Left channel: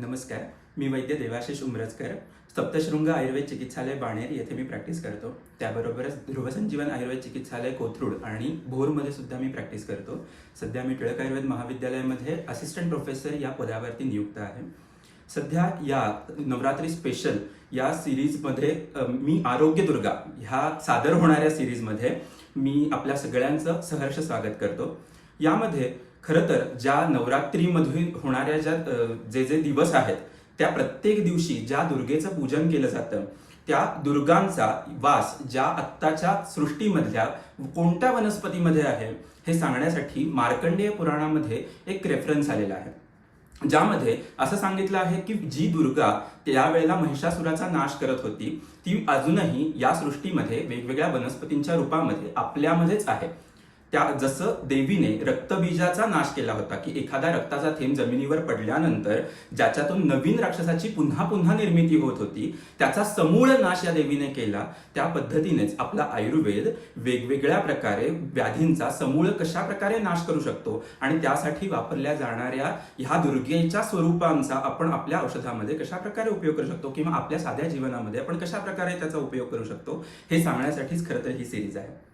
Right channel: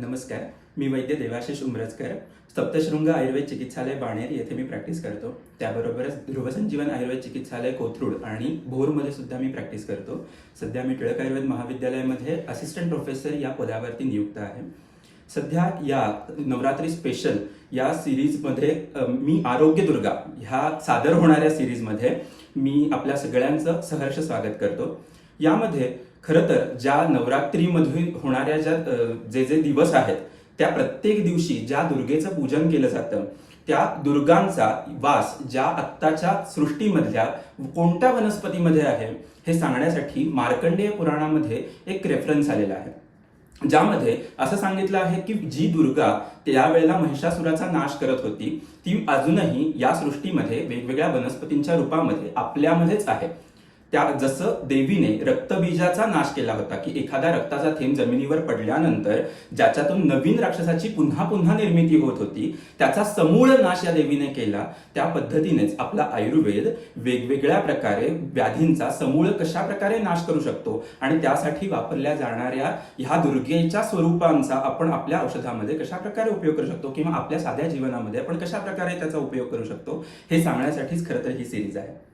नमस्कार. मी वैद्य देवाशिष उमरजकर सप्तशृंग आयुर्वेद चिकित्सालय बाणेर येथे मी प्रॅक्टिस करतो. त्याबरोबरच ध्रुवसंजीवन आयुर्वेद चिकित्सालय कोथरूड आणि भोरमध्ये सुद्धा मी प्रॅक्टिस करतो. सध्या मी टिळक आयुर्वेद महाविद्यालयामध्ये असिस्टंट प्रोफेसर या पदावरती नियुक्त आहे. सध्या या नवरात्री स्पेशल या सिरीजमध्ये मी आरोग्य दुर्गा ह्या सादर होणाऱ्या सिरीजमध्ये मी आपल्या सगळ्यांचं सहर्ष स्वागत करतो. यामध्ये खरं तर ज्या नवरात्रीमध्ये होणाऱ्या ज्या जे जे दिवस आहेत त्या प्रत्येक दिवशी ज्या दुर्गेचं पूजन केलं जातं त्या दुर्गांचा वास ज्या आत्ताच्या सृष्टीमधल्या कोणत्या वनस्पतीमध्ये आहे हे सांगण्यासाठी मार्कंडेय पुराणामध्ये एक रेफरन्स आलेला आहे. ज्यामध्ये असं सांगितलं आहे की जी दुर्गा त्यावेळेला महिषासुराचा नाश करत होती ती अजूनही या सृष्टीमध्ये वेगवेगळ्या वनस्पतींच्या रूपामध्ये आपल्यामध्येच आहे. त्या जसं देवीने रक्तबीजाचा नाश केला होता की एखादा रक्ताचा थेंब जमिनीवर पडल्यानंतर ज्याच्यातून नवीन राक्षसाची पुन्हा पुन्हा निर्मिती होत होती त्याचा समूळ नाश या देवीने केला त्या पद्धतीनेच आपला आयुर्वेद वेगवेगळ्या प्रकारे व्याधींचा समूळ कशा प्रकारे नाश करू शकतो आणि त्यासाठी वापरल्या जाणाऱ्या ह्या दुर्गेच्या स्वरूपांचा आपण आपल्या औषधामध्ये कशा प्रकारे उपयोग करू शकतो किंवा आपल्या साध्या जीवनामध्ये आपण कशा प्रकारे त्याचा उपयोग करू शकतो हे सांगण्यासाठीच खरं तर ही सिरीज आहे.